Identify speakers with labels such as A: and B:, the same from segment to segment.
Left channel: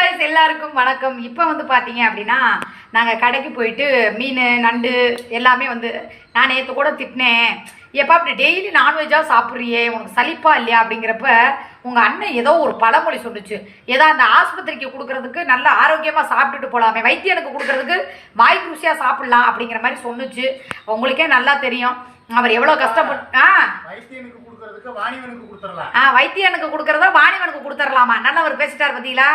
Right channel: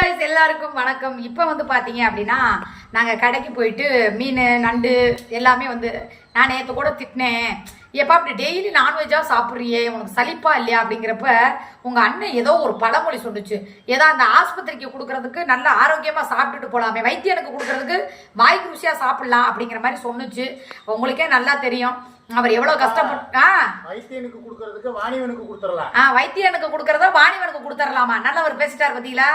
A: Guys எல்லாருக்கும் வணக்கம். இப்போ வந்து பார்த்தீங்க அப்படின்னா நாங்கள் கடைக்கு போயிட்டு மீன் நண்டு எல்லாமே வந்து நான் நேற்று கூட திட்டினேன். எப்பா அப்படி டெய்லி நான்வெஜ்ஜாக சாப்பிட்றியே? உனக்கு சலிப்பா இல்லையா? அப்படிங்கிறப்ப உங்கள் அண்ணன் ஏதோ ஒரு பழமொழி சொல்லுச்சு. ஏதோ அந்த ஆஸ்பத்திரிக்கு கொடுக்கறதுக்கு நல்ல ஆரோக்கியமாக சாப்பிட்டுட்டு போகலாமே வைத்தியனுக்கு கொடுக்கறதுக்கு வாய்க்கு ருசியாக சாப்பிட்லாம் அப்படிங்கிற மாதிரி சொன்னுச்சு. உங்களுக்கே நல்லா தெரியும். அவர் எவ்வளோ கஷ்டப்பட்டு
B: வைத்தியனுக்கு கொடுக்கறதுக்கு வாணிவனுக்கு கொடுத்துடலாம்.
A: ஆ வைத்தியனுக்கு கொடுக்கறத வாணிவனுக்கு கொடுத்துடலாமா? நல்லவர் பேசிட்டார் பார்த்தீங்களா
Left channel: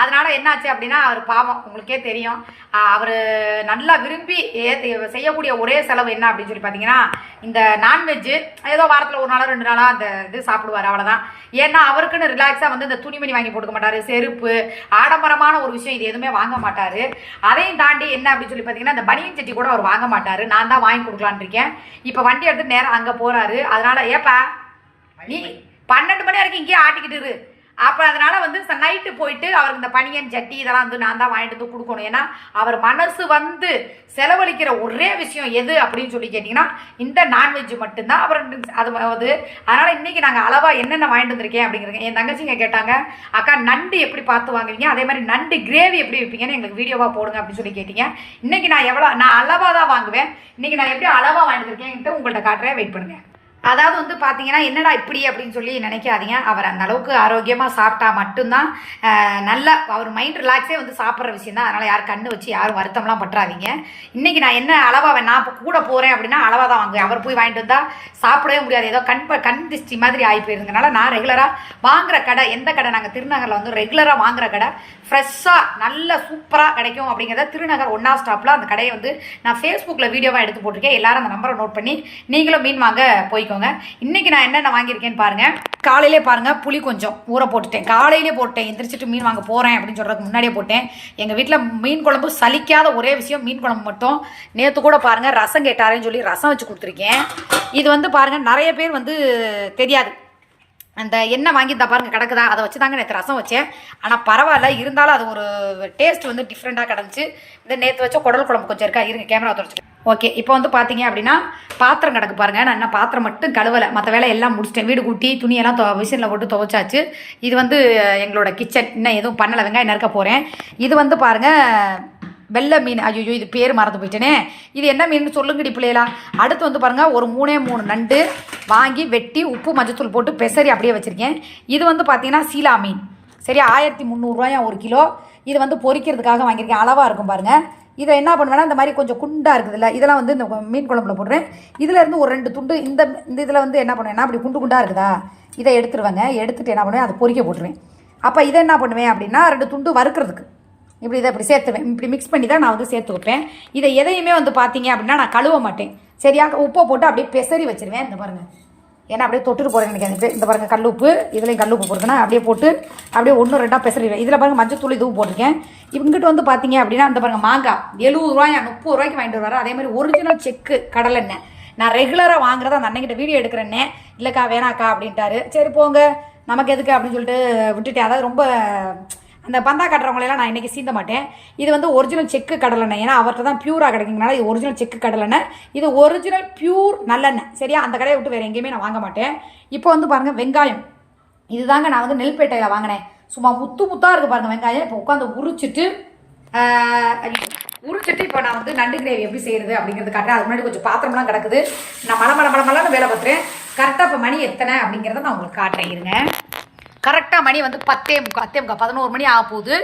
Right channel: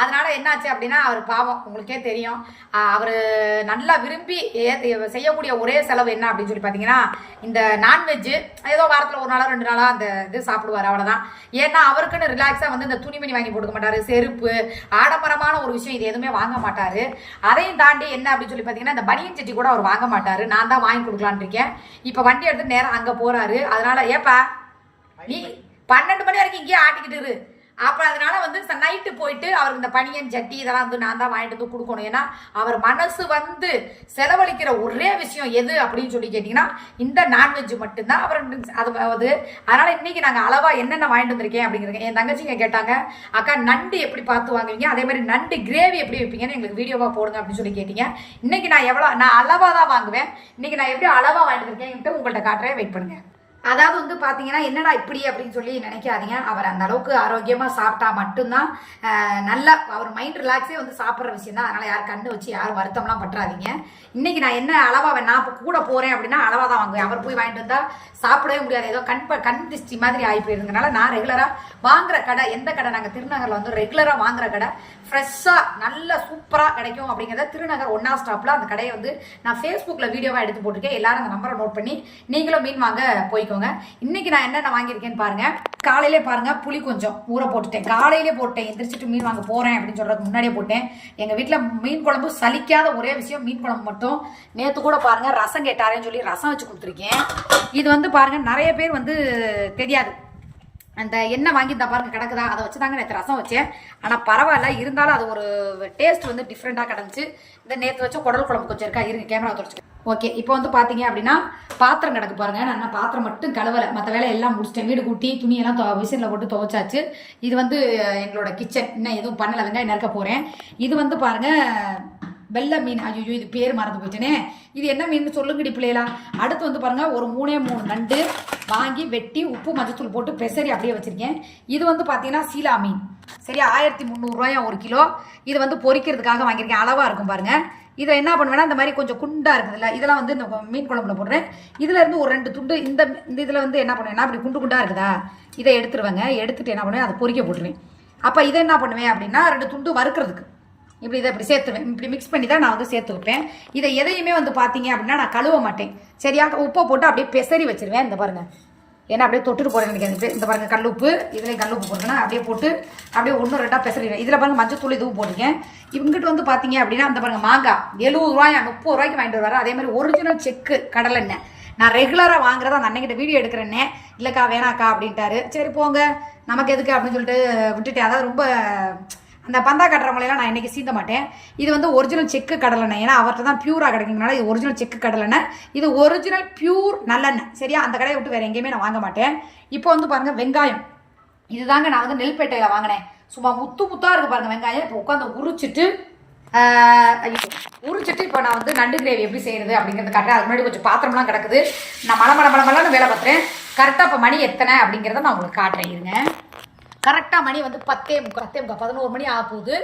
A: அதனால என்னாச்சு அப்படின்னா அவர் பாவம் உங்களுக்கே தெரியும். அவர் நல்லா விரும்பி செய்யக்கூடிய ஒரே செலவு என்ன அப்படின்னு சொல்லி பார்த்தீங்கன்னா இந்த நான்வெஜ்ஜு ஏதோ வாரத்தில் ஒரு நாளோ ரெண்டு நாளாக அந்த இது சாப்பிடுவார் அவ்வளோதான் ஏன்னா அவருக்குன்னு ரிலாக்ஸாக வந்து இந்த துணிமணி வாங்கி போட்டுக்க மாட்டார் செருப்பு ஆடம்பரமான ஒரு விஷயம் இது எதுவுமே வாங்க மாட்டார். அதையும் தாண்டி என்ன அப்படின்னு சொல்லி பார்த்தீங்கன்னா இந்த பனியன் சட்டி கூட அவர் வாங்க மாட்டார். நான் தான் வாங்கி கொடுக்கலான்னு இருக்கேன். இப்போ வண்டி எடுத்து நேரம் அங்கே போகிறாரு அதனால ஏப்பா நீ பன்னெண்டு மணி வரைக்கும் இங்கேயே ஆட்டிக்கிட்டு இரு. அப்போ அதனால் வந்து நைட்டு போயிட்டு அவருக்கு இந்த பனியன் ஜட்டி இதெல்லாம் வந்து நான் தான் வாங்கிட்டு வந்து கொடுக்கணும். ஏன்னா அவர் மனசு வந்து செலவழிக்கிற ஒரே விஷயம் எது அப்படின்னு சொல்லி கேட்டிங்கன்னா இந்த நான்வெஜ் மட்டும்தான். அப்புறம் அது வந்து அதனால் இன்றைக்கி நாங்கள் அளவாக என்னென்ன வாங்கிட்டு வந்திருக்கேன் அப்படிங்கிறது என் தங்கச்சிங்க கேட்டாங்க. அக்கா நண்டு எப்படி பார்த்து வாங்குவீங்க? அதே மாதிரி நண்டு கிரேவி எப்படி வைப்பீங்கன்னு எங்களுக்கு வீடியோவாக போடுங்க அப்படின்னு சொல்லி கேட்டீங்க. இன்றைக்கி நான் எவ்வளோ நான் அளவாக தான் வாங்குவேன். இன்றைக்கி நான் எப்படி அளவாக வாங்கிட்டு வந்திருக்கேன்ட்டு உங்கள்கிட்ட காட்டுறேன். வெயிட் பண்ணுங்கள் அதாவது வந்து பார்த்தீங்கன்னா என்னடா இப்படி அப்படின்னு சொல்லி நினைக்காதீங்க. அவர் அந்த அளவுக்கு ஆரோக்கியமாக சாப்பிட்டா மட்டும்தான் நல்ல நல்லா அவர் மைண்ட் ரிலாக்ஸே வந்து சாப்பிட்ற விஷயம் தான் அதனால் யார் கண்ணு வச்சு யாரும் வருத்தம்லாம் பற்றாதீங்க. இன்றைக்கி நான் என்ன அளவாக நான் இப்போ கூட போகிறேன் அப்படின்னா அளவாக தான் வாங்குவேன். அவர் போய் வாங்கிட்டு வந்தால் சாப்பிடவே முடியாது. ஏதோ கண் கண் திருஷ்டி மாதிரி ஆகி போயிருந்தனால நான் ரெகுலராக வாங்குற கடை எந்த கடை? நாங்கள் திருநகரில் வந்து ரெகுலராக வாங்குற கடை. ஃப்ரெஷ்ஷாக நல்ல சூப்பராக கிடைக்கும் அப்படிங்கிறத திருநகர் ஒன்றா ஸ்டாப்பில் அந்த கடையை வந்து நான் ஃபேஸ்புக்கில் வீடியோவாக எடுத்து போட்டிருக்கேன். எல்லாரும் அந்த நம்பரை நோட் பண்ணி நீங்களும் மீன் வாங்க போய்க்கோங்க இன்றைக்கி நான் என்னென்ன வாங்கியிருக்கேன்னு பாருங்கள் காலையிலே பாருங்கள் புளி கொஞ்சம் ஊற போட்டுட்டேன். காலையிலே போட்டேன் எந்திரிச்சிட்டு மீன் வாங்க போகிறேன் அப்படின்னு சொல்கிறதுக்கு முன்னாடியே போட்டேன். எங்கள் வீட்டில் மீன் குழம்பு சலிக்காத ஒரே விஷயம் மீன் குழம்பு மட்டும். நேற்று கூட பாருங்கள் ரசம் கேட்டாரேன்னு சொல்லி ரசம் வச்சு கொடுத்துருக்கேன். இது வந்து பாருங்கள் நிறைய பேர் வந்து தெரியாது. அந்த எண்ணெய் வாங்கி தான் பாருங்க கிடக்குதா? அதை வச்சு தாங்க நேற்று ரசம் வச்சேன். ஆனால் பரவாயில்ல இருந்தாலும் அது ஒரு டேஸ்ட் வந்து டிஃப்ரெண்ட்டாக கிடந்துச்சு. இந்த நேற்று வச்ச குடல் குழம்பு கொஞ்சம் இருக்கா? இருங்க கேமரா தொடச்சிட்டு ஓகே இப்போ வந்து பார்த்தீங்க அப்படின்னா பாத்திரம் கிடக்கு பாருங்க. நான் என்ன பாத்திரம் மட்டும் கழுவலை. மற்ற வேலை எல்லாம் முடிச்சிட்டேன். வீடு கூட்டி துணியெல்லாம் தொ மிஷினில் போட்டு துவைச்சாச்சு. இது வந்து எங்களோட கிச்சன் இன்னும் எதுவும் பண்ணலை. வெங்காயம் நறுக்க போகிறேன் இது வந்து பாருங்கள் வெள்ளை மீன் ஐயோ இது பேர் மறந்து போயிட்டேனே. இது என்ன மீன் சொல்லுங்கடி பிள்ளைகளா. அடுத்து வந்து பாருங்கள் ஒரு மூணே மூணு நண்டு வாங்கி வெட்டி உப்பு மஞ்சத்தூள் போட்டு பெசரி அப்படியே வச்சுருக்கேன். இது வந்து பார்த்தீங்கன்னா சீலா மீன். சரி ஆயிரத்தி முந்நூறுரூவாயா ஒரு கிலோ. இது வந்து பொறிக்கிறதுக்காக வாங்கியிருக்கேன். அளவாக இருக்கும் பாருங்கள் இதை என்ன பண்ணுவேன்னா இந்த மாதிரி கொஞ்சம் குண்டாக இருக்குதுல்ல இதெல்லாம் வந்து இந்த மீன் குழம்புல போடுறேன் இதிலேருந்து ஒரு ரெண்டு துண்டு இந்த இந்த இதில் வந்து என்ன பண்ணுவேன்னா அப்படி குண்டு குண்டாக இருக்குதா இதை எடுத்துருவேங்க. எடுத்துகிட்டு என்ன பண்ணுவேன் அதை பொறிக்க போட்டுருவேன். அப்போ இதை என்ன பண்ணுவேன் அப்படின்னா ரெண்டு துண்டு வறுக்கிறதுக்கு. இப்படி இதை இப்படி சேர்த்துவேன். இப்படி மிக்ஸ் பண்ணி தான் நான் வந்து சேர்த்து வைப்பேன் இதை எதையுமே வந்து பார்த்தீங்க அப்படின்னா நான் கழுவ மாட்டேன். சரியா? உப்பை போட்டு அப்படியே பெசரி வச்சுருவேன். இந்த பாருங்க. ஏன்னா அப்படியே தொட்டுட்டு போகிறேன் எனக்கு இந்த பாருங்கள் கல் உப்பு. இதுலேயும் கல் உப்பு போட்டுனா அப்படியே போட்டு அப்படியே ஒன்று ரெண்டாக பெசரிடுவேன் இதில் பாருங்கள் மஞ்சள் தூள் இதுவும் போட்டிருக்கேன். இவங்ககிட்ட வந்து பார்த்தீங்க அப்படின்னா அந்த பாருங்க மாங்காய். எழுபது ரூபாயா முப்பது ரூபாய்க்கு வாங்கிட்டு வருவார். அதே மாதிரி ஒரிஜினல் செக்கு கடலெண்ணெய் நான் ரெகுலராக வாங்குறத அந்த அன்னைக்கிட்ட வீடியோ எடுக்கிறேன்னே இல்லைக்கா வேணாக்கா அப்படின்ட்டாரு. சரி போங்க. நமக்கு எதுக்கு அப்படின்னு சொல்லிட்டு விட்டுட்டேன். அதாவது ரொம்ப அந்த பந்தா கட்டுறவங்களெல்லாம் நான் இன்றைக்கி சீந்த மாட்டேன். இது வந்து ஒரிஜினல் செக்கு கடலெண்ணெய். ஏன்னா அவர்கிட்ட தான் பியூராக கிடைக்குங்கனால இது ஒரிஜினல் செக்கு கடலெண்ணெய். இது ஒரிஜினல் பியூர் நல்லெண்ணெய். சரியா? அந்த கடையை விட்டு வேறு எங்கேயுமே நான் வாங்க மாட்டேன். இப்போ வந்து பாருங்கள் வெங்காயம். இதுதாங்க நான் வந்து நெல்பேட்டையில் வாங்கினேன். சும்மா முத்து முத்தாக இருக்குது பாருங்கள் வெங்காயம். இப்போ உட்காந்து உரிச்சிட்டு உரிச்சிட்டு இப்போ நான் வந்து நண்டு கிரேவி எப்படி செய்கிறது அப்படிங்கிறது காட்டுறேன். அதுக்கு முன்னாடி கொஞ்சம் பாத்திரம்லாம் கிடக்குது. நான் மலை மலை மலை மலைன்னு வேலை பார்த்துறேன். கரெக்டாக இப்போ மணி எத்தனை அப்படிங்கிறத நான் உங்களுக்கு காட்டுறேன். இருங்க. கரெக்டாக மணி வந்து பத்தே முக்கா பத்தே முக்கா பதினோரு மணி ஆக போகுது.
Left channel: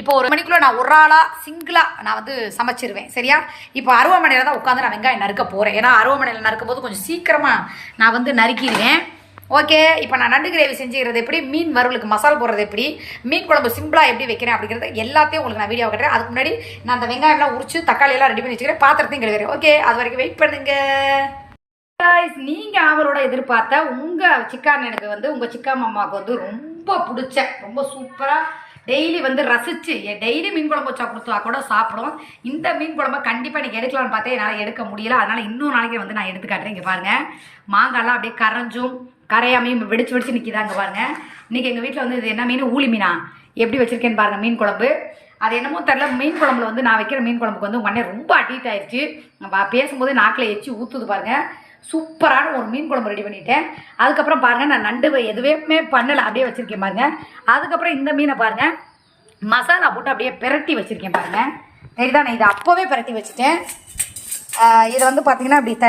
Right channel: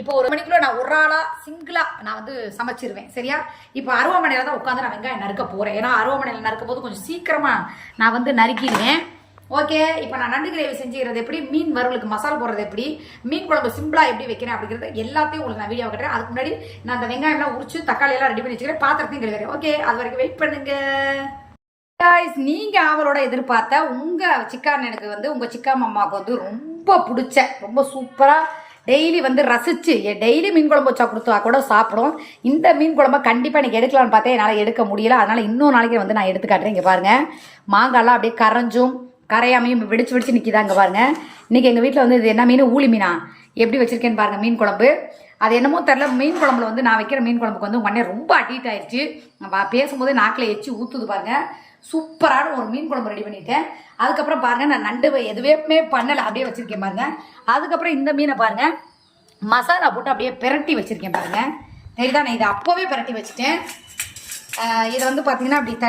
A: இப்போ ஒரு மணிக்குள்ளே நான் ஒரு ஆளாக சிங்கிளாக நான் வந்து சமைச்சிருவேன் சரியா? இப்போ அருவமனையில் தான் உட்காந்து நான் வெங்காயம் நறுக்க போகிறேன் ஏன்னா அருவமனையில் நறுக்கும் போது கொஞ்சம் சீக்கிரமாக நான் வந்து நறுக்கிடுவேன். ஓகே இப்போ நான் நண்டு கிரேவி செஞ்சுக்கிறது எப்படி? மீன் வறுவலுக்கு மசால் போடுறது எப்படி? மீன் குழம்பு சிம்பிளாக எப்படி வைக்கிறேன் அப்படிங்கிறது எல்லாத்தையும் உங்களுக்கு நான் வீடியோ கட்டுறேன். அதுக்கு முன்னாடி நான் அந்த வெங்காயம்லாம் உரிச்சு தக்காளியெல்லாம் ரெடி பண்ணி வச்சுக்கிறேன். பாத்திரத்தையும் கழுவுறேன் ஓகே அது வரைக்கும் வெயிட் பண்ணுங்கள் guys நீங்கள் அவரோட எதிர்பார்த்த உங்கள் சிக்கானனுக்கு வந்து உங்கள் சிக்கா மாமாவுக்கு வந்து ரொம்ப பிடிச்ச ரொம்ப சூப்பராக டெய்லி வந்து ரசித்து டெய்லி மீன் குழம்பு வச்சா கொடுத்தா கூட சாப்பிடும். இந்த மீன் குழம்பை கண்டிப்பாக எனக்கு எடுக்கலாம்னு பார்த்தேன் என்னால் எடுக்க முடியல. அதனால் இன்னொரு நாளைக்கு வந்து நான் எடுத்து காட்டுறேன். இங்கே பாருங்கள் மாங்காய்லாம் அப்படியே கரைஞ்சும் கரையாமையும் வெடிச்சு வெடிச்சு நிற்கிதாங்க பாருங்கள் இன்றைக்கி எங்கள் வீட்டில் வந்து இது என்ன மீன்? ஊளி மீனா. எப்படி வச்சுருக்கேன்னு பாருங்கள் மீன் குழம்பு. அது என்னமோ தெரில மீன் குழம்புல வந்து நான் வைக்கிற மீன் குழம்புக்கு வந்து உங்கள் அண்ணன் ரொம்ப அடிக்ட் ஆயிடுச்சு நம்ம பேசும்போது நாக்கில் எச்சு ஊற்றுது பாருங்கள் சூப்பரான ஒரு மீன் குழம்பு ரெடி பண்ணிட்டேன். அதுக்கப்புறம் பாருங்கள் நான் நண்டு எதுவுமே பண்ணலை. அப்படியே வச்சுருக்கேன் பாருங்கள் அதுக்கப்புறம் இந்த மீனை பாருங்கள் மசாலா போட்டு அப்படியே பிரட்டி வச்சுருக்கேன் பாருங்க. தெரியுதா? நான் இதை அப்போவே பிரட்டி வச்சுட்டேன். இதை வந்து பார்த்தீங்கன்னா அப்படி த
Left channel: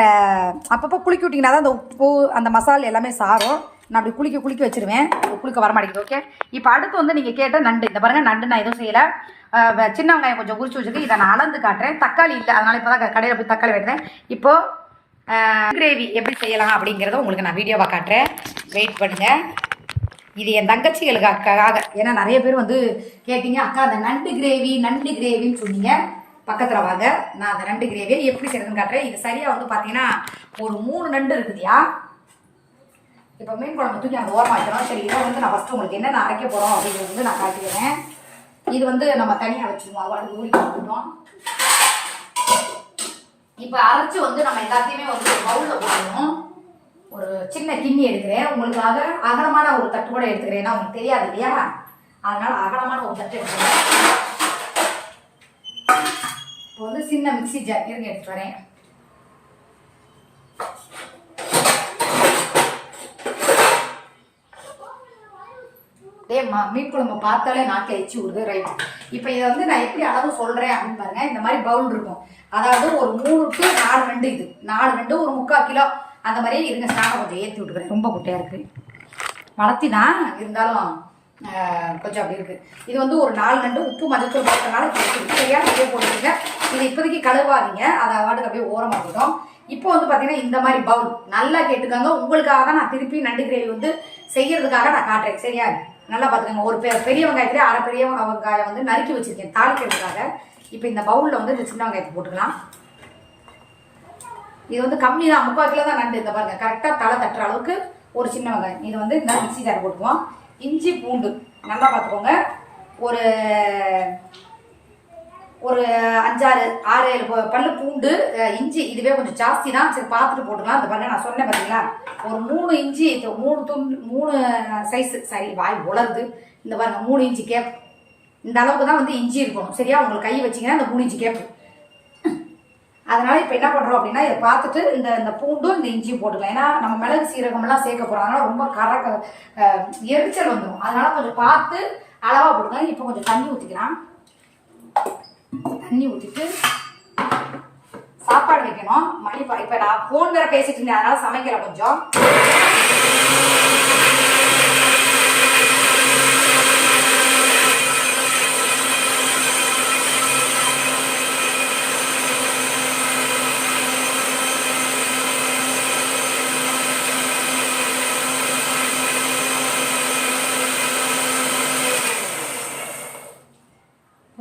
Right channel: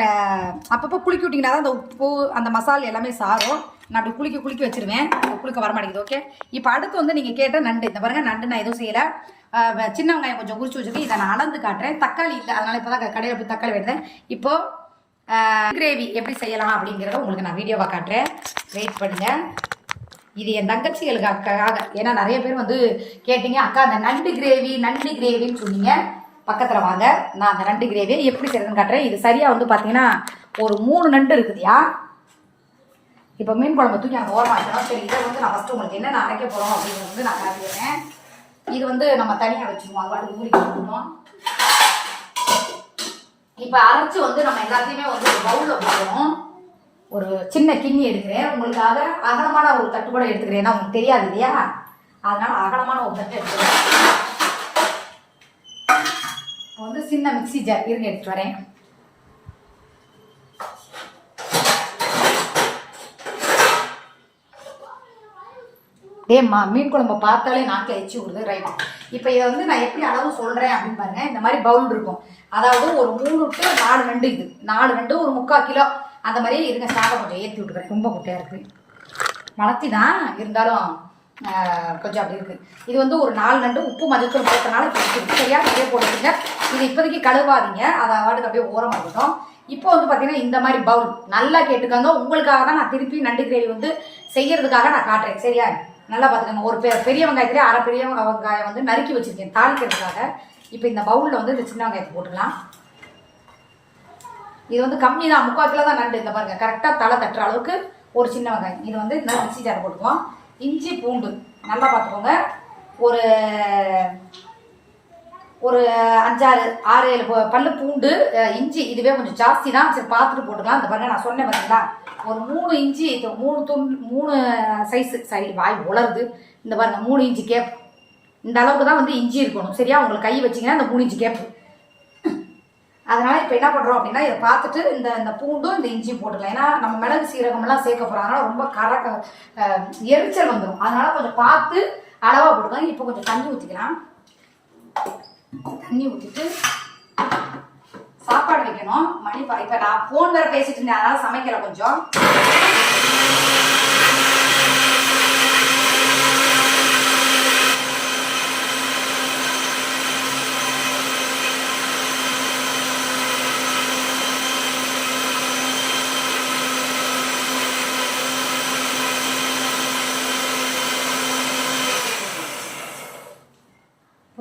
A: அப்பப்போ குளிக்க விட்டிங்கன்னா தான் அந்த உப்பு அந்த மசாலா எல்லாமே சாரும். நான் அப்படி குளிக்க குளிக்க வச்சுருவேன். குளிக்க வரமாட்டேங்குது ஓகே இப்போ அடுத்து வந்து நீங்கள் கேட்ட நண்டு இந்த பாருங்கள் நண்டு நான் எதுவும் செய்யலை. சின்ன வெங்காயம் கொஞ்சம் உரிச்சு வச்சுட்டு இதை நான் அளந்து காட்டுறேன். தக்காளி இல்லை அதனால் இப்போ தான் கடையில் போய் தக்காளி வெட்டுறேன். இப்போது கிரேவி எப்படி செய்யலாம் அப்படிங்கிறத உங்களுக்கு நான் வீடியோவாக காட்டுறேன். வெயிட் பண்ணுங்கள் இது என் தங்கச்சிகளுக்காக ஏன்னா நிறைய பேர் வந்து கேட்டீங்க அக்கா அந்த நண்டு கிரேவி நண்டு கிரேவின்னு சொன்னீங்க. பக்கத்தில் வாங்க. நான் அந்த நண்டு கிரேவி எப்படி செய்யறதுன்னு காட்டுறேன். இது சரியாக வந்து பார்த்தீங்கன்னா ஒரு மூணு நண்டு இருக்குதுயா? இப்போ மீன் குழம்பு தூக்கி அங்கே ஓரமாக வைக்கணும் சரி இதை வந்து நான் ஃபஸ்ட்டு உங்களுக்கு என்ன நான் அரைக்க போகிறோம் அப்படிங்கிறது வந்து நான் காட்டிடுறேன். இது வந்து நம்ம தனியாக வச்சுருவோம். அது வாட்டி ஊறி கொடுக்கணும் இப்போ அரைச்சு வந்து நம்ம எல்லாத்தையுமே வந்து ஒரு பவுலில் போடுறோம். ஒரு சின்ன கிண்ணி எடுக்கிறேன். உங்களுக்காக அகலமான ஒரு தட்டு கூட எடுத்துக்கிறேன். ஏன்னா உங்களுக்கு தெரியாது இல்லையா? அதனால அகலமான ஒரு தட்டு எடுத்துக்கிறேன். இப்போ வந்து சின்ன மிக்சி ஜார் இருங்க எடுத்துட்டு வரேன். டேம்மா மீன் குழம்பு பார்த்தாலே நாக்கி அழிச்சு விடுது ரைட் இப்போ இதை வந்து நான் எப்படி அளவு சொல்கிறேன் அப்படின்னு பாருங்க இந்த மாதிரி பவுல் இருக்கும். அதாவது ஒரு மூணு டு நாலு ரெண்டு இது. நாலு ரெண்டு ஒரு முக்கால் கிலோ. அந்த மாதிரி இருங்க ஸ்டாண்டை கொஞ்சம் ஏற்றி விட்டுக்கிறேன். ரொம்ப குட்டையாக இருக்குது வளர்த்தி தான் இருந்தாலும் கொஞ்சம் அப்படி இருக்குது இது வந்து ஒரு நாலு நண்டு உப்பு மஞ்சத்தூள் போட்டனால சரியாக நிறைய போட்டுருங்க இது இப்போதைக்கு கழுவாதீங்க. அதை வாட்டுக்கு அப்படியே ஓரமாக இருக்கட்டும். இப்போ வந்து பார்த்தீங்கன்னா இந்த மாதிரி பவுல் நல்லா கேட்டுக்கோங்க. உங்களுக்காக தான் நான் திருப்பி நண்டு கிரேவி வந்து செய்கிறதுக்காக நான் காட்டுறேன். சரியா? நல்லா பார்த்துக்கோங்க. ஒரு பெ பெரிய வெங்காயத்திலே அரை பெரிய வெங்காயம் வந்து நறுக்கி வச்சுருக்கேன். தாளிக்கிறதுக்காக. இப்போ இந்த பவுலில் வந்து இந்த சின்ன வெங்காயத்தை போட்டுக்கலாம். இது வந்து கம்மி தான். முக்கால் கிலோ தான் நண்டு. இந்த பாருங்கள் கரெக்டாக தலை தட்டுற அளவுக்கு ஒரு சின்ன வெங்காயம். இது வந்து இந்த மிக்சி ஜார் போட்டுக்குவோம். இஞ்சி பூண்டு. நல்லா பார்த்துக்கோங்க. ஒரு ஒரு அஞ்சாறு ஆறு ஏழு ப- பல்லு பூண்டு இஞ்சி இதுவே கொஞ்சம் ஜாஸ்தி தான் சரி பார்த்துட்டு போட்டுக்கலாம். இந்த பாருங்க நான் சொன்னேன் பார்த்தீங்களா ஒரு மூணு இஞ்சி மூணு துண்டு மூணு சைஸு சரி வாய் உலருது. இந்த பாருங்க மூணு இஞ்சி கேப் இந்த அளவுக்கு தான் வந்து இஞ்சி இருக்கணும். சரியா? உங்களுக்கு கை வச்சிங்கன்னா இந்த மூணு இஞ்சி கேப்பு அதனால் இப்போ என்ன பண்ணுறோம் அப்படின்னா இதை பார்த்துட்டு இந்த இந்த பூண்டும் இந்த இஞ்சியும் போட்டுக்கலாம். ஏன்னா நம்ம மிளகு சீரகம்லாம் சேர்க்க போகிறோம் அதனால் ரொம்ப கர எரிச்சல் வந்துடும் அதனால் கொஞ்சம் பார்த்து அளவாக போட்டுக்கலாம். இப்போ கொஞ்சம் தண்ணி ஊற்றிக்கலாம் தண்ணி ஊற்றிட்டு சாப்பாடு வைக்கணும். மணி இப்போ நான் ஃபோன் வேற பேசிட்டு இருந்தேன். அதனால சமைக்கிறேன் கொஞ்சம்.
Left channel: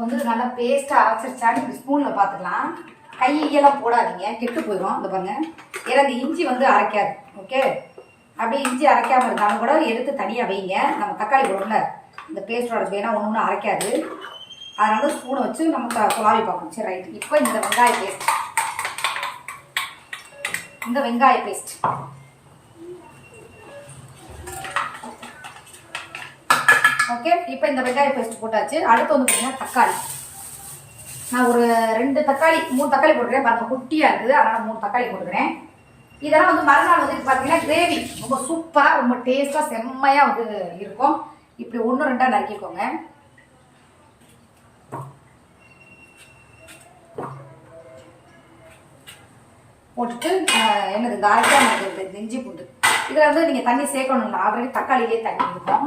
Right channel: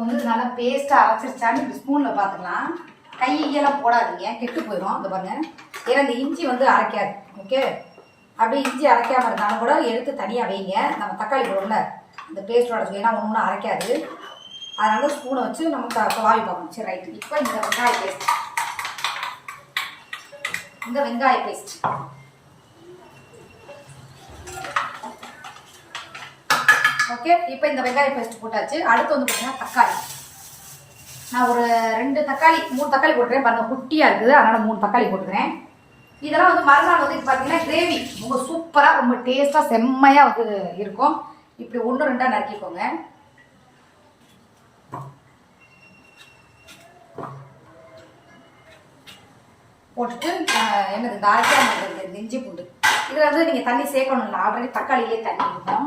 A: வந்து நல்லா பேஸ்ட்டாக அரைச்சிருச்சான்னு இப்படி ஸ்பூனில் பார்த்துக்கலாம் கையெல்லாம் போடாதீங்க கெட்டு போயிடும் இந்த பாருங்கள் ஏன்னா இந்த இஞ்சி வந்து அரைக்காது. ஓகே அப்படியே இஞ்சி அரைக்காமல் இருந்தாலும் கூட எடுத்து தனியாக வைங்க. நம்ம தக்காளி போடுறோம்ல இந்த பேஸ்ட்டோட ஏன்னா ஒன்று ஒன்று அரைக்காது. அதனால ஸ்பூனை வச்சு நம்ம த- பார்க்கணும். சரி ரைட் இப்போ இந்த வெங்காய பேஸ்ட் இந்த வெங்காய பேஸ்ட் ஓகே இப்போ இந்த வெங்காய பேஸ்ட் போட்டாச்சு. அடுத்து வந்து பார்த்தீங்கன்னா தக்காளி. நான் ஒரு ரெண்டு தக்காளி மூணு தக்காளி போட்டுறேன் பாருங்க குட்டியாக இருக்குது. அதனால் மூணு தக்காளி போட்டுக்கிறேன். இதெல்லாம் வந்து மறுநாள் வந்து பார்த்தீங்கன்னா கிரேவி ரொம்ப சூப்பராக ரொம்ப டேஸ்ட்டாக செம்மையாக வந்து இருக்கும். இப்படி ஒன்று ரெண்டாக நறுக்கிக்கோங்க. போட்டுட்டு எனக்கு என்னது இந்த இந்த இஞ்சி பூண்டு. இதில் வந்து நீங்கள் தண்ணி சேர்க்கணும் ஆல்ரெடி தக்காளியிலே தண்ணி இருக்கும்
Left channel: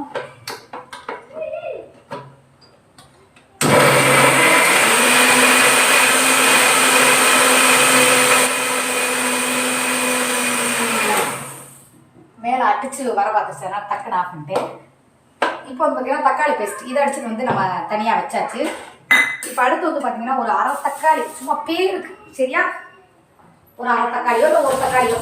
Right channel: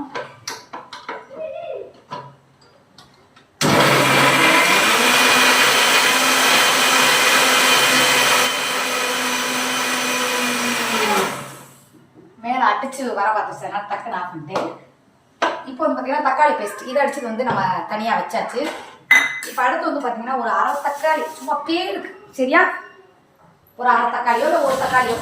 A: அடிச்சு வர பார்த்துச்சு அதனால டக்குன்னு ஆஃப் பண்ணிட்டேன் இப்போ வந்து பார்த்தீங்கன்னா தக்காளி பேஸ்ட் இதை அடிச்சது வந்து நம்ம தனியாக வச்சாச்சு. இப்போ அடுத்து வந்து பார்த்தீங்கன்னா ஒரு அரை தக்காளி சும்மா பேருக்கு சரியா? ஒரு அரை தக்காளியோ இல்லை ஒரு தக்காளியோ.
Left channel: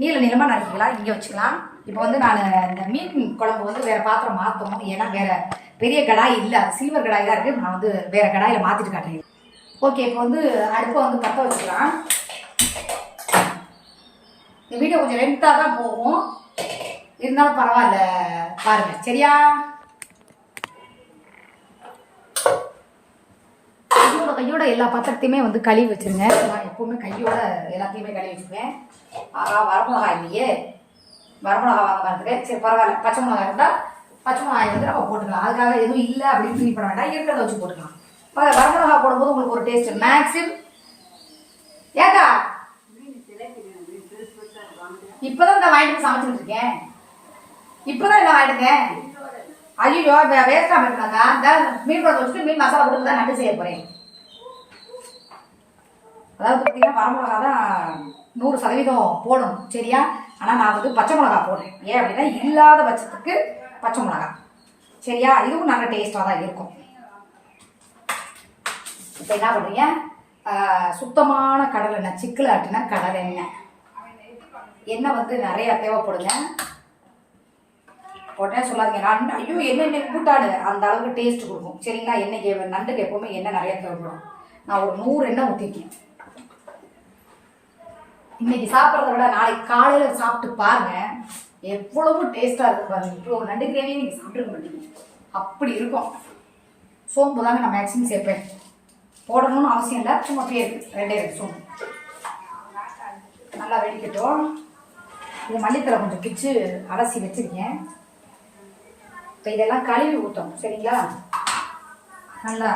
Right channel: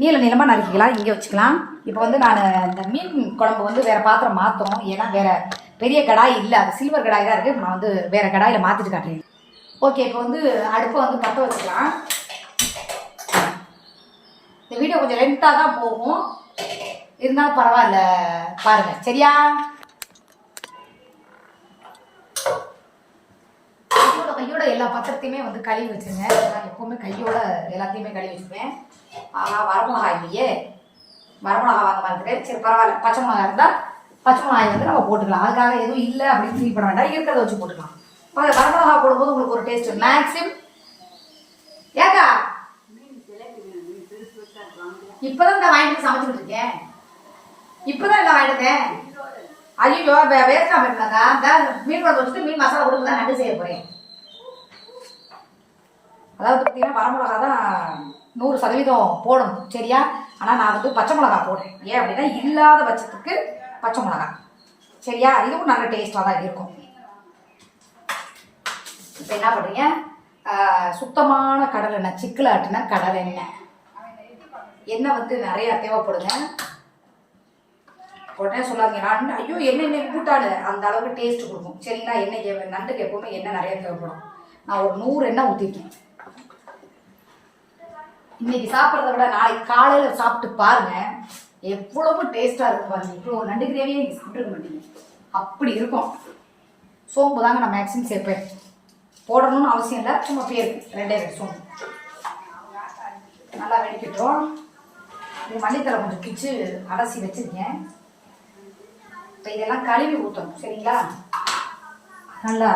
A: நீள நீளமாக நறுக்கிக்கலாம் இங்கே வச்சுக்கலாம். இப்போ வந்து நான் இந்த மீன் குழம்பு வந்து வேறு பாத்திரம் மாற்றணும் ஏன்னா வேறு பெரிய கடாய் இல்லை அது சில்வர் கடாய் தான் இருக்குது நான் வந்து வேறு கடாயில் மாற்றிட்டு காட்டுறேன். ஓகே இப்போ வந்து அடுப்பை வந்து பற்ற வச்சுக்கலாம். இந்த வீடியோ கொஞ்சம் லென்த்தாக தான் போகும். இருந்தாலும் பரவாயில்ல பாருங்க. சரியா? கையோட கையோட எல்லா பத்திரத்தையுமே வந்து கழுவி வச்சிருங்க. நான் எப்பவுமே கையோட எல்லாத்தையுமே கழுவி வச்சுப்பேன் ஆகா வரமிளகா இல்லையே? வரமிளகா வாங்க மறந்துட்டேன் சரி பரவாயில்ல. பச்சை மிளகா இருந்தால் பச்சை மிளகாய் வந்து நம்ம போட்டுக்கலாம். அதுக்காக எதுவும் இல்லை அப்படின்னு ஃபீல் பண்ண வேண்டாம். இருக்கிறத வச்சு போட்டுக்கலாம். வரமிளகா போடும்போது உங்களுக்கு ஒரு டேஸ்ட் மேக்ஸிம் ஏக்கா இப்பதான் இந்த வாங்கிட்டு சமைச்சுட்டு இருக்கேன். இப்பதான் என்ன வாங்கிட்டேன் ஐயோ வேஸ்டா போயிருந்தாக்கா இந்த மீன் குழம்பு வச்சுட்டு மீன் மசாலா கொடுத்து தான் நண்டு செய்ய போறேன். அதாவது பார்த்தீங்கன்னா வரமிளகா தான் நூறு சதவீதம் போடணும் சரியா? ஆனால் நான் வந்து பச்சை மிளகா போடுறேன். ஏன் அப்படின்னா இல்லாத பட்சத்துக்கு பச்சை மிளகா. சரியா? இதுவும் நல்ல டேஸ்ட்டாக தான் இருக்கும். இப்போ என்ன பண்ணுறீங்க சுத்தமான கடலெண்ணெய் எண்ணெய் சிக்கில் ஆட்டின எண்ணெய் வந்து நிறையா தேவைப்படுங்க. உடனே சொல்லாதீங்க. நான் ஐயோ எண்ணெய் கூட்டாடு அந்த அளவுக்கு டேஸ்ட் கொடுக்கும். சரிங்களா? எண்ணெய் எண்ணெய்க்கு நண்டுக்கு எப்போவுமே எண்ணெய் நிறையா தேவைப்படும். நான் ஒரு நூறு எண்ணெய் ஊற்றிருக்கேன் இன்னைக்கு சாப்பிட்றத விட நாளைக்கு காலையில் சாப்பிட்டு பாருங்க. எவ்வளவு டேஸ்ட்டாக இருக்கு பாருங்க. இவ்வளோ நண்டு கிரேவியும் நீங்கள் சாப்பிட்டுக்க மாட்டீங்க. அப்படி இருக்கும். சோம்பு தாங்க நான் மேக்ஸிமம் சேர்ப்பேன். போடணும்னு அவசியம் இல்லை. சும்மா பேருக்கு ரெண்டே ரெண்டு சோம்பு. நல்லா வெடிக்கட்டும். இது மல்லித்தலை கொஞ்சம் பிச்சு அலசி வச்சிருக்கேன். இப்போ இதெல்லாம் கழுவி ஊற்றணும் சரிங்களா? நல்லா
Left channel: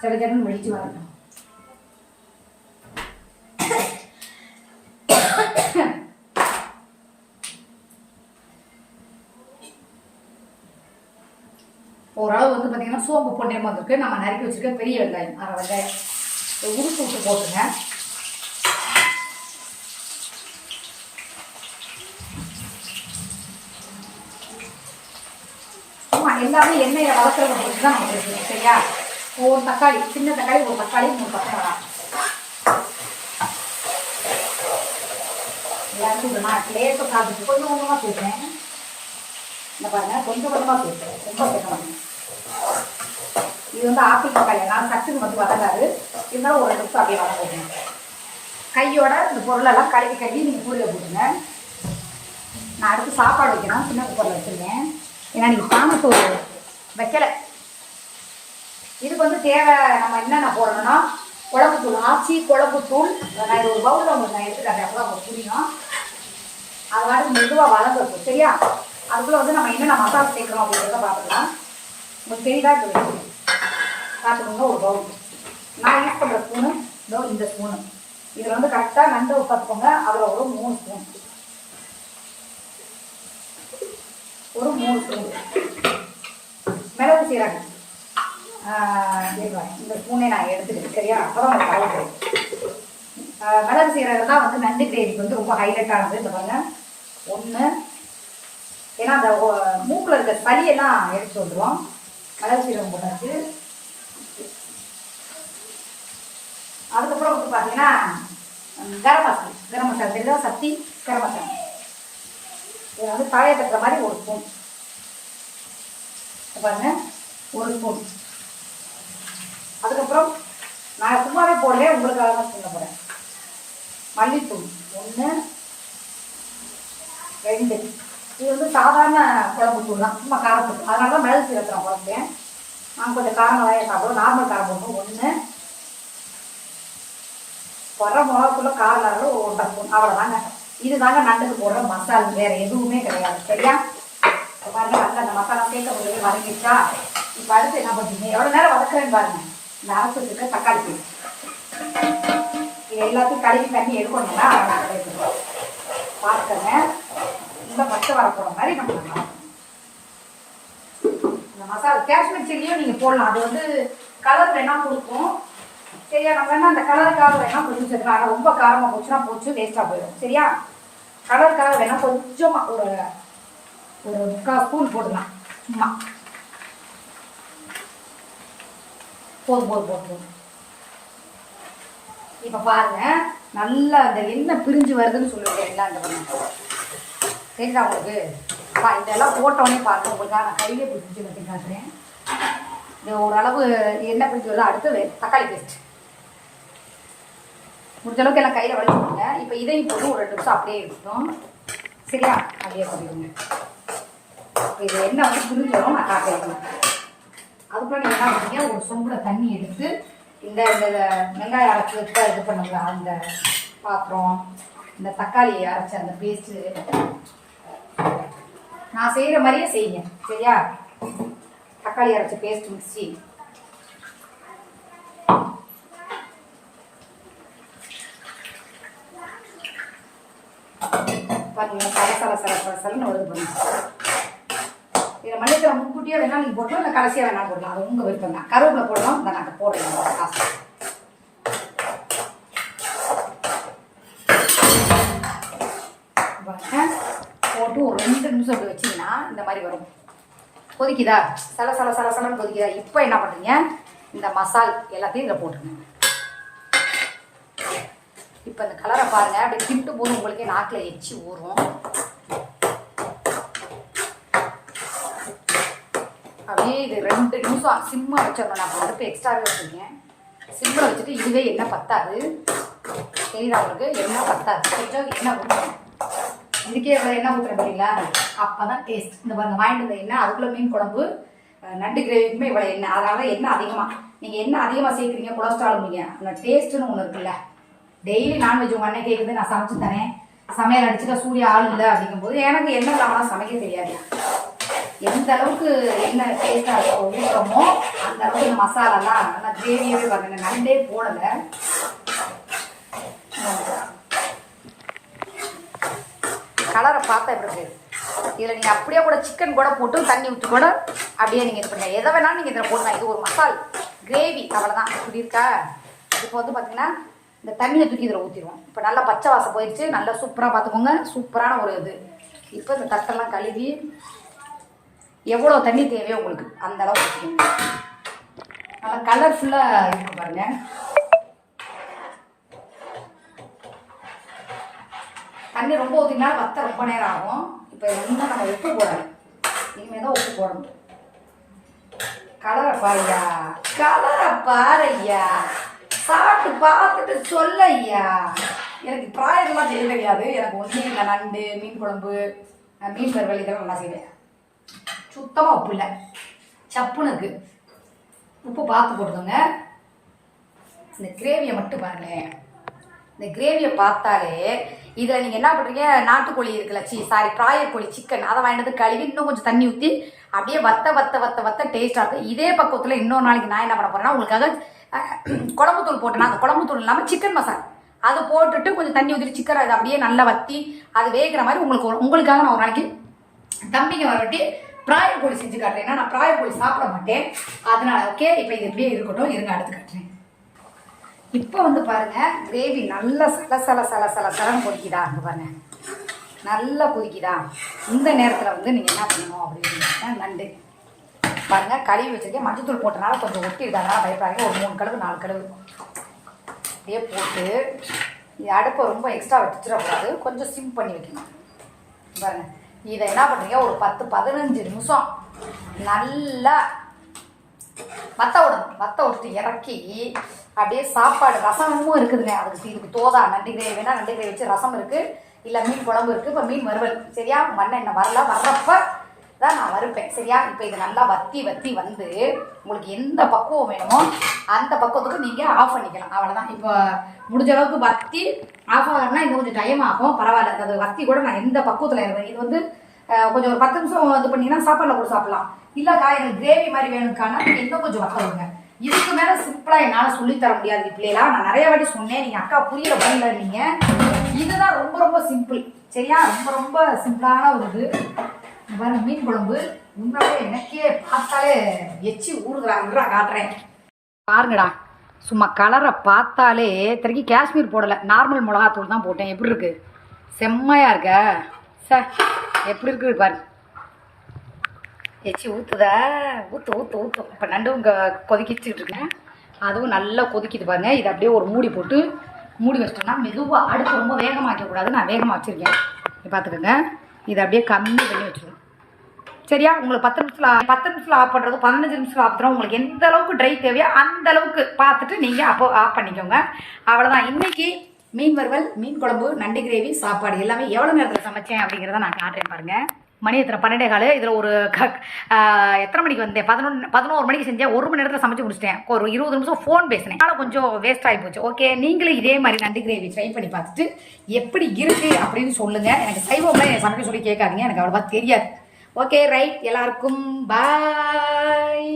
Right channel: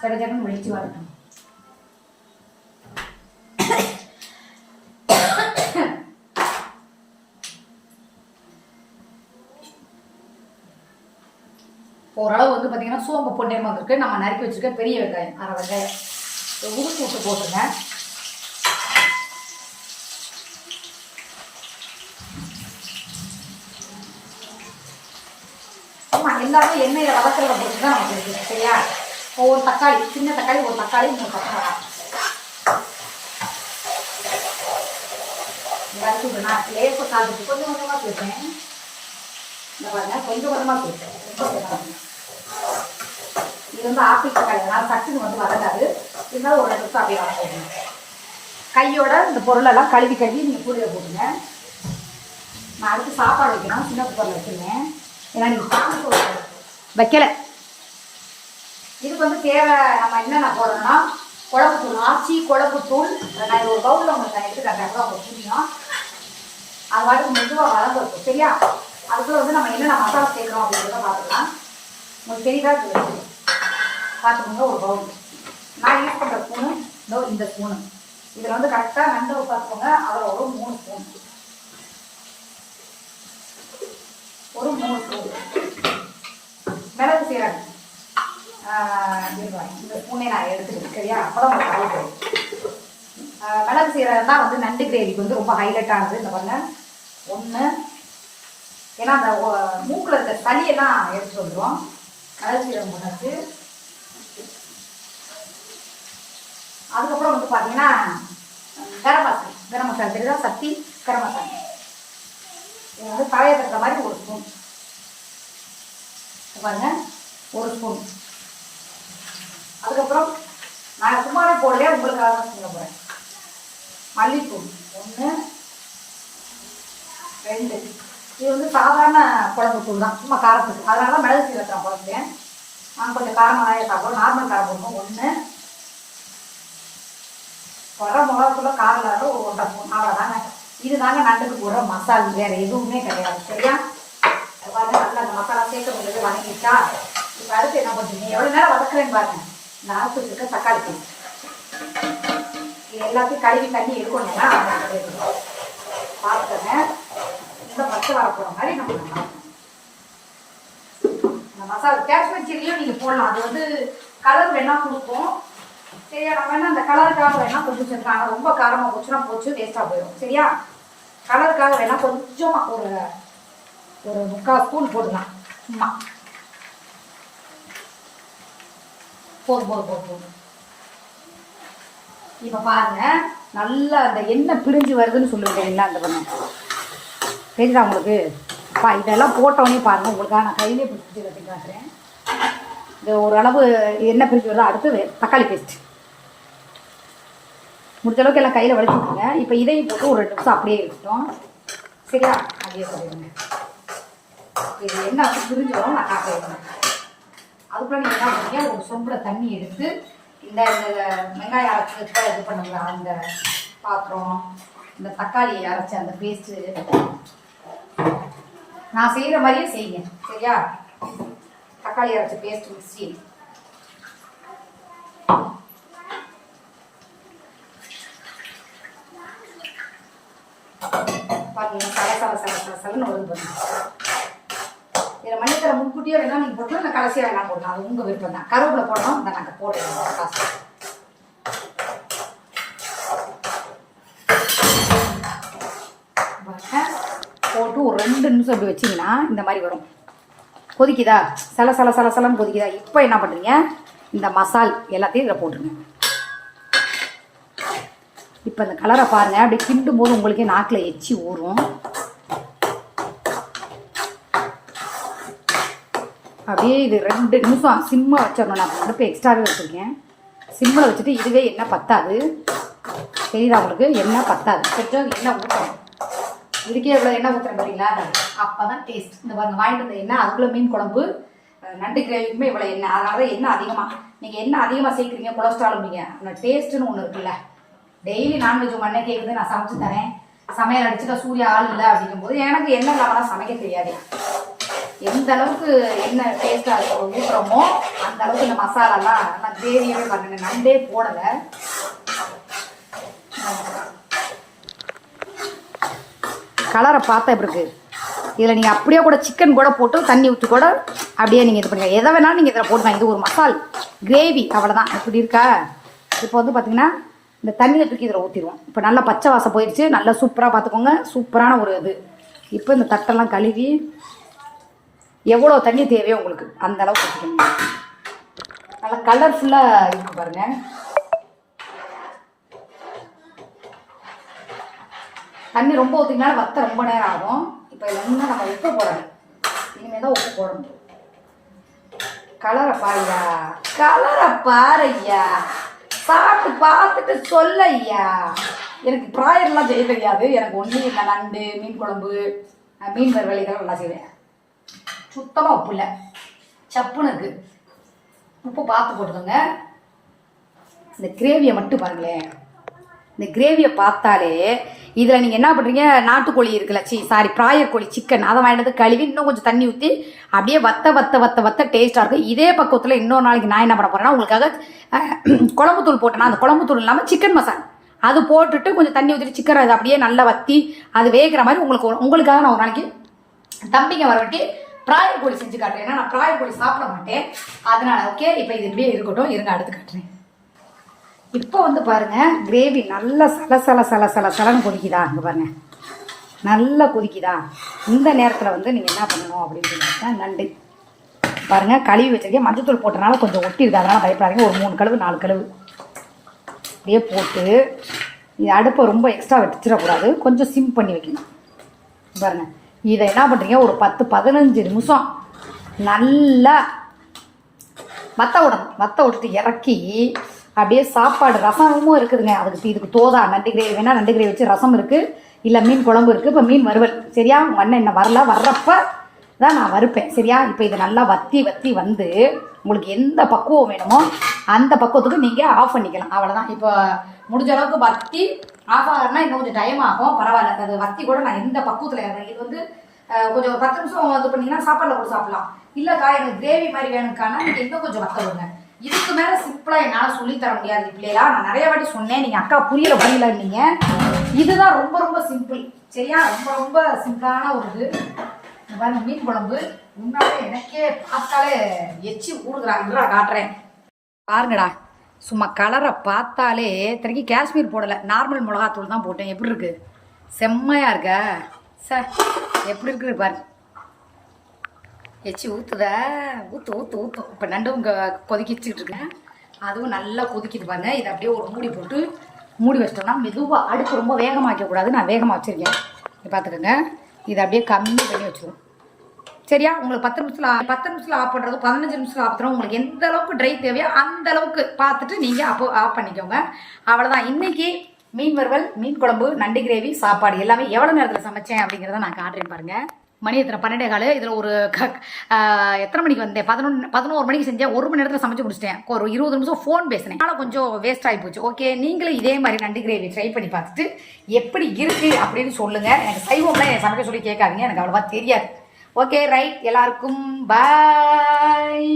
A: சில ஜன்னு வெளிச்சு வரணும் ஓரளவு வந்து பார்த்தீங்கன்னா சோம்பு பொன்னிறமாக வந்திருக்கு. நம்ம நறுக்கி வச்சுருக்க பெரிய வெங்காயம் அரை வெங்காயம். இதை விட்டு போட்டுருங்க சும்மா எல்லாமே எண்ணெயில் வளர்க்குறத பொறுத்து தான் நமக்கு இருக்குது சரியா? ஒரு தக்காளி சின்ன தக்காளி ஒரு தக்காளி மூணு பத்து மிளகாய் எல்லாருக்கும் நான் லேசாக காய்ச்சிட்டு கொஞ்சம் கொஞ்சமாக சேர்த்தேன் இந்த பாருங்க கொஞ்சம் கொஞ்சமாக சேர்த்தேன் ரொம்ப சேர்க்கணும் இது வந்து ஆப்பிள் தக்காளி அதனால் சட்டுக்கு வந்து வதங்காது. இருந்தாலும் ஒரு ரெண்டு அப்படியே வதங்கிடுங்க கையோட இந்த பொருளெல்லாம் கழுவி கழுவி நீங்கள் கூடையில் போட்டுங்க நான் அடுத்து சாப்பாடு வைக்கணும் சின்ன குக்கரில் வச்சுருந்தேன். ஏன்னா நீங்கள் சாமத்தூள் வைக்கல. இதுக்கு வந்து தேவை நம்ம என்னென்ன போடுறோம்னா குழம்பு தூள் ஆச்சி குழம்பு தூள். நான் இது ஒரு பவுலில் உங்களுக்கு நான் எடுத்துக்காட்டேன் அப்போ உங்களுக்கு புரியும். அது பாட்டுக்கு மெதுவாக வளர்ந்துருக்கும் சரியா? அதுக்குள்ளே வந்து நம்ம என்னென்ன மசாலா சேர்க்குறோம் அப்படிங்கிறத பார்த்துக்கலாம். உங்களுக்கு பெரியதாக இது பார்த்துக்கோங்க ஒரு பவுல் நான் யூஸ் பண்ணுற ஸ்பூனு இதோ இந்த ஸ்பூனு இதில் வந்து கரெக்டாக நண்டு பார்த்துக்கோங்க அதில் ஒரு மூணு ஸ்பூன் ஒரு மூணு ஸ்பூன் மிளகு சீரகம். இந்த ஸ்பூனே நான் எடுத்துக்கிறேன் சரியா அப்போ தான் மிளகு சீரகம் தான் வந்து நண்டு கிரேவிக்கு வந்து ரொம்ப ஹைலைட்டானது இந்த பாருங்க. ஒன்று ஏன்னா அந்த மூக்கில் மூக்குல இருக்க சளியெல்லாம் எடுத்து வந்துடும் மிளகு சீரகம் போட்டாச்சு அதுக்கப்புறம் வந்து பார்த்தீங்கன்னா கரம் மசாலா. கரம் மசாலா. தெரியுதா? சக்தி கரம் மசாலா. இது வந்து தலையை தட்டுற மாதிரி ஒரு ஸ்பூன். பாருங்க. ஒரு ஸ்பூன் அதுக்கப்புறம் நான் சும்மாவே போடல உங்களுக்காக தான் சொல்ல போகிறேன் மல்லித்தூள். ஒன்று ரெண்டு. இது வந்து சாதாரண குழம்பு தூள் தான். சும்மா காரத்துக்கு. அதனால தான் மிளகு சீரத்துறோம் குழம்பு நான் கொஞ்சம் காரமாக தான் சாப்பிடுவோம் நார்மல் காரம் போடணும் ஒன்று வர மிளகாத்துல காரம் ஒரு ஒன்றரை ஸ்பூன் அவ்வளோதாங்க இது தாங்க நண்டுக்கு போடுற மசாலா. வேறு எதுவுமே கிடையாது. சரியா? இப்ப பாருங்க நல்லா அந்த மசாலா சேர்க்க முடியாது வதங்கிடுச்சா இப்போ அடுத்து என்ன பண்ணுறீங்க எவ்வளோ நேரம் வதக்குறேன்னு பாருங்க. நான் அரைச்சி வச்சிருக்க தக்காளி பேஸ்ட் இது எல்லாத்தையும் கழுவி தண்ணி எடுக்கணும்னா பார்த்துங்க இந்த பச்சை வர போகிற மாதிரி நம்ம பண்ணலாம். இந்த மசாலா காஷ்மீர் சில்லியும் நீங்கள் போடலாம். அது வந்து கலர் வேணால் கொடுக்கும். சரியா நம்ம வேணால் அந்த கலருக்காக வேணால் கொஞ்சம் சேர்த்துக்கலாம் ஆனால் ரொம்ப காரமாக போச்சுன்னா போச்சு வேஸ்ட்டாக போயிடும் சரியா? கலருக்காக வேணால் கொஞ்சமாக ஒரு ஒரு முக்கால் ஸ்பூன் போட்டுக்கலாம். சும்மா. போதும் போதும் போதும் போதும். இப்போ பாருங்க நல்லா அந்த எண்ணெய் பிரிஞ்சு வருதுன்னு சொல்லுவேன் என்ன அந்த ஒண்ணு. தெரியுதா உங்களுக்கு? பா இதெல்லாம் போட்டோடனே பாருங்க உங்களுக்காக நான் கையிலே பிடிச்சி வச்சு காட்டுறேன். இந்த ஓரளவு எண்ணெய் பிரிஞ்சு வருதா அடுத்து தக்காளி பேஸ்ட் முடிஞ்ச அளவுக்கு எல்லாம் கையில் வலிச்சு இப்போ இதையும் போட்டு ஒரு ரெண்டு நிமிஷம் அப்படியே இருக்கட்டும். சரியா? அப்படியே பண்ணிடுங்க. இப்போ இது என்ன வந்து பிரிஞ்சோம் நான் காட்டுறேன். அதுக்குள்ள நீங்கள் என்ன பண்ணீங்க ஒரு சொம்பில் தண்ணி எடுத்து இந்த இந்த வெங்காயம் அரைச்சி இது பண்ணுங்களா அந்த பாத்திரம் இந்த தக்காளி அரைச்ச அந்த பேஸ்ட்டு நான் செய்கிற மாதிரியே செய்யுங்க. சரியா? தக்காளி அரைச்ச பேஸ்ட் மிக்ஸி பாருங்க சல சல சல சலன்னு வருது பண்ணுங்க மல்லித்தலை முன்கூட்டியே வேணா நீங்கள் போட்டலாம் இல்லை கடைசியாக வேணாம் போடலாம் அது உங்கள் விருப்பம் தான். கருவேப்பிலை போடணும் இந்த நாங்கள் போடுறோம் காசு. போட்டு ஒரு ரெண்டு நிமிஷம் இப்படி வச்சிங்கன்னா இந்த மாதிரி வரும். கொதிக்குதா? சல சல சல சலன்னு கொதிக்குதா? இப்போ என்ன பண்ணுறீங்க இந்த மசால் எல்லாத்தையும் இதில் போட்டுருங்க. இப்போ இந்த கலரை பாருங்கள் அப்படியே கிண்டும் போது உங்களுக்கே நாக்கில் எச்சி ஊறும். அப்படியே இது ரெண்டு நிமிஷம். சிம்மை வச்சிடணும். நான் அடுப்பு எக்ஸ்ட்ராவே வச்சுருக்கேன். சிம்மில் வச்சுட்டு இதுவே எண்ணெய் பத்தாது. தெரியுதா உங்களுக்கு? எண்ணெய் பத்தாது. கொஞ்சம் எண்ணெய் ஊற்றணும் இதுக்கே இவ்வளோ எண்ணெய் ஊற்றுற பாருங்களா அப்போ தான் டேஸ்ட் இந்த பாருங்க வாங்கிட்டு வந்த எண்ணெய் அதுக்குள்ளே மீன் குழம்பு நண்டு கிரேவிக்குமே இவ்வளோ எண்ணெய். அதனால தான் எண்ணெய் அதிகமாக நீங்கள் எண்ணெய் அதிகமாக சேர்க்குறீங்க கொலஸ்ட்ராலும்பீங்க அந்த டேஸ்ட்டுன்னு ஒன்று இருக்குல்ல. டெய்லி நான்வெஜ் உங்கள் அண்ணன் கேட்குது நான் சமைச்சு தரேன். சமையல் அடிச்சுட்டா சூரிய ஆள் இல்லை அப்படிங்கும்போது எனக்கு எண்ணெய் இல்லாமலாம் சமைக்க தெரியாது. எந்த அளவுக்கு என்ன டேஸ்ட்டாக ஊற்றுறோமோ அந்த அளவுக்கு இந்த மசாலாலாம் நான் கிரேவியே பாருங்க நண்டே போடலை. கலரை பார்த்தா எப்படி இருக்கு? இதில் நீங்கள் அப்படியே கூட சிக்கன் கூட போட்டு தண்ணி ஊற்றி கூட அப்படியே நீங்கள் இது பண்ணுங்க எதை வேணாலும் நீங்கள் இதில் போடலாம் இது ஒரு மசால். கிரேவி அவ்வளோதான் இப்படி இருக்கா? இப்போ வந்து பார்த்தீங்கன்னா இந்த தண்ணியை தூக்கி இதில் ஊற்றிடுவோம் இப்போ நல்லா பச்சை வாசம் போயிடுச்சு நல்லா சூப்பராக பார்த்துக்கோங்க. சூப்பரான ஒரு இது. இப்போ இந்த தட்டெல்லாம் கழுவி எவ்வளோ தண்ணி தேவையோ உங்களுக்கு அந்த அளவுக்கு ஊற்றிக்கோங்க நல்லா கலர்ஃபுல்லாக இருக்கு பாருங்கள் தண்ணி ரொம்ப ஊற்றினாலும் வத்த ரொம்ப நேரம் ஆகும். இப்போ ஒன்றும் நம்ம உப்பு போடணும் இனிமேல் தான் உப்பு போடணும். கலரை பாருயா கலரை பாருய்யா. சாப்பிட்டு பார்த்துட்டு சொல்ல ஐயா எனக்கு ப்ராயர்லாம் செய்ய தெரியாது. எனக்கு ஒன்றும் இந்த நண்டு மீன் குழம்பு மீன் வறுவலைகள் இதெல்லாம் நல்லா செய்வேன். சுத்தமாக உப்பு இல்லை சப்புன்னு உப்பு பார்த்து போட்டுக்கோங்க. இந்த கிரேவியை மட்டும் பாருங்களேன். இந்த கிரேவியை பார்த்தாலே இதில் நீங்கள் என்ன பண்ணுறீங்க நாட்டுக்கோழி இருக்குல்ல சி சாரி பிராயர் கோழி சிக்கன் அதை வாங்கினது கழுவி இன்னும் கொஞ்சம் தண்ணி ஊற்றி அப்படியே வத்த வத்த வத்த வத்த டேஸ்ட்டாக இருக்கும். இதே பக்கத்தில் இன்னொரு நாளைக்கு நான் என்ன பண்ண போகிறேன்னா உங்களுக்காக குழம்புத்தூள் போட்டேன்னா அந்த குழம்புத்தூள் இல்லாமல் சிக்கன் மசாலா அது போட்டுட்டு கொஞ்சம் தண்ணி ஊற்றிட்டு சிக்கன் அது அப்படியே நல்லா வத்தி அது வேகிற மாதிரி உங்களுக்கு உங்களுக்காக நான் ஒரு நாளைக்கு தம்பிங்க வரவட்டி பிராயர் கோழி செஞ்சு காட்டுறேன். ஏன்னா நான் பிராயர் கோழி சாப்பிட மாட்டேன். அதனால ஓகே இப்போ இது இப்படியே இருக்கட்டும். இருங்க அடுத்து காட்டுறேன். இப்போ வந்து பாருங்க கிரேவி நல்லா சல சல சல சல சலன்னு கொதிக்குதா? அங்கே பாருங்கள் நல்லா கொதிக்குதா? இந்த நேரத்தில் வந்து நீங்கள் என்ன பண்ணணும் அப்படின்னு நண்டு. பாருங்க கழுவி வச்சிருக்கேன். மஞ்சத்தூள் போட்டனால கொஞ்சம் ஒட்டிருக்கு அதெல்லாம் பயப்படாதீங்க. ஒரு மூணு கழுவு நாலு கழுவு. அப்படியே போட்டு அடுப்பை ரொம்ப எக்ஸ்ட்ரா வச்சிடக்கூடாது. கொஞ்சம் சிம் பண்ணி வைக்கணும். பாருங்க. இதை என்ன பண்ணுறீங்க ஒரு பத்து பதினஞ்சு நிமிஷம் நல்லா வத்த விடணும் வத்த விட்டுட்டு இறக்கி அப்படியே சாப்பாடு ரசமும் இருக்குதுங்க. அதுக்கு இதுக்கு தோதா நண்டு கிரேவி வேணா நண்டு கிரேவி வச்சு ரசம் இருக்கு. இல்லை மீன் குழம்பு இருக்கு. இப்போ மீன் வறுவல். சரியா? உங்கள் அண்ணன் என்ன வரல? வர்றப்ப தான் நான் வறுப்பேன். சரியா? இப்போ இதை நல்லா வத்தி வத்தி வந்து உங்களுக்கு எந்த பக்குவம் வேணுமோ அந்த பக்குவத்துக்கு நீங்கள் ஆஃப் பண்ணிக்கலாம். அவ்வளோதான் இப்போ முடிஞ்ச அளவுக்கு வத்தி ஆஃப் ஆகிறனா இன்னும் கொஞ்சம் டைம் ஆகும். பரவாயில்ல. அது வத்தி கூட நான் எந்த பக்குவத்தில் இது வந்து கொஞ்சம் ஒரு பத்து நிமிஷம் இது பண்ணிங்கன்னா சாப்பாடில் கூட சாப்பிடலாம். இல்லைக்கா எனக்கு கிரேவி மாதிரி வேணும்க்கானா நீங்கள் இன்னும் கொஞ்சம் வத்த விடுங்க. இதுக்கு மேலே சிம்பிளாக என்னால் சொல்லித் தர முடியாது. பிள்ளைகளா நான் நிறைய வாட்டி சொன்னேன். நீங்கள் அக்கா புரியல புரியல நீங்கள் இதுதான் ரொம்ப ரொம்ப சிம்பிள் சரியா? ரொம்ப ரொம்ப சிம்பிளான ஒரு இது. பாருங்க மீன் குழம்பு. உண்மையிலே எனக்கே பார்த்தாலே எச்சி ஊறுகிறா காட்டுறேன். பாருங்கடா. சும்மா கலரை பார்த்தாலே இத்தனைக்கு காஷ்மீர் போடலை. நார்மல் மிளகாத்தூள் தான் போட்டேன். எப்படி இருக்கு? செம்மையாக இருக்க. சார் எப்படி இருக்கு பாரு. எச்சி ஊற்றுதா ஊற்று ஊற்று ஊற்றும் இப்போ நண்டும் இங்கே கொதிக்கிச்சுட்டு இருக்கேன் அதுவும் நல்லா கொதிக்கிது பாருங்க. இதை அப்படியே ஒரு மூடி போட்டு மூடி வச்சிட்டோம்னா மெதுவாக அடுப்பு ரொம்ப வேகமாக வைக்கக்கூடாது நான் வேகமாக வச்சுருக்கேன். பார்த்துக்கோங்க. இதை அப்படியே கம்மி பண்ணி வச்சுருவோம். சரியா? உங்களுக்கு பத்து நிமிஷத்தில் பத்து நிமிஷத்தில் ஆஃப் பண்ணுறது பதினஞ்சு நிமிஷத்தில் ஆஃப் பண்ணுறோம் உங்களுக்கு எந்த அளவுக்கு ட்ரை தேவையோ அந்த அளவுக்கு பார்த்துட்டு நீங்கள் அப்போ ஆஃப் பண்ணிக்கோங்க. அவ்வளோதான் இன்னைக்கு மீன் வறுவல் மீன் குழம்பு நண்டு கிரேவி சாப்பாடு எல்லாமே எவ்வளோ நேரத்தில் சமைச்சேன் அப்படிங்கிறத நான் காட்டுறேன் பாருங்கள் மணி எத்தனை? பன்னெண்டே காலு. இதில் ஒரு க எத்தனை மணிக்கு வந்தேன்? பதினொன்று பதினோரு மணிக்கு செஞ்சேன். ஒரு மணி நேரத்தில் சமைச்சு முடிச்சிட்டேன். ஒரு இருபது நிமிஷம் ஃபோன் பேசினேன். அதனால் கொஞ்சம் வேஸ்ட் ஆகி போச்சு. ஓகே நீங்களும் இதே மாதிரி நண்டு கிரேவி ட்ரை பண்ணி பார்த்துட்டு எப்படி இருக்குது அப்படின்னு சொல்லுங்கள் எனக்கு சைவம்லாம் எனக்கு சமைக்க சொல்லி கேட்காதீங்க. எனக்கு அவ்வளோவா தெரியாது. ஓகே ரைட் எல்லாருக்கும் பாய்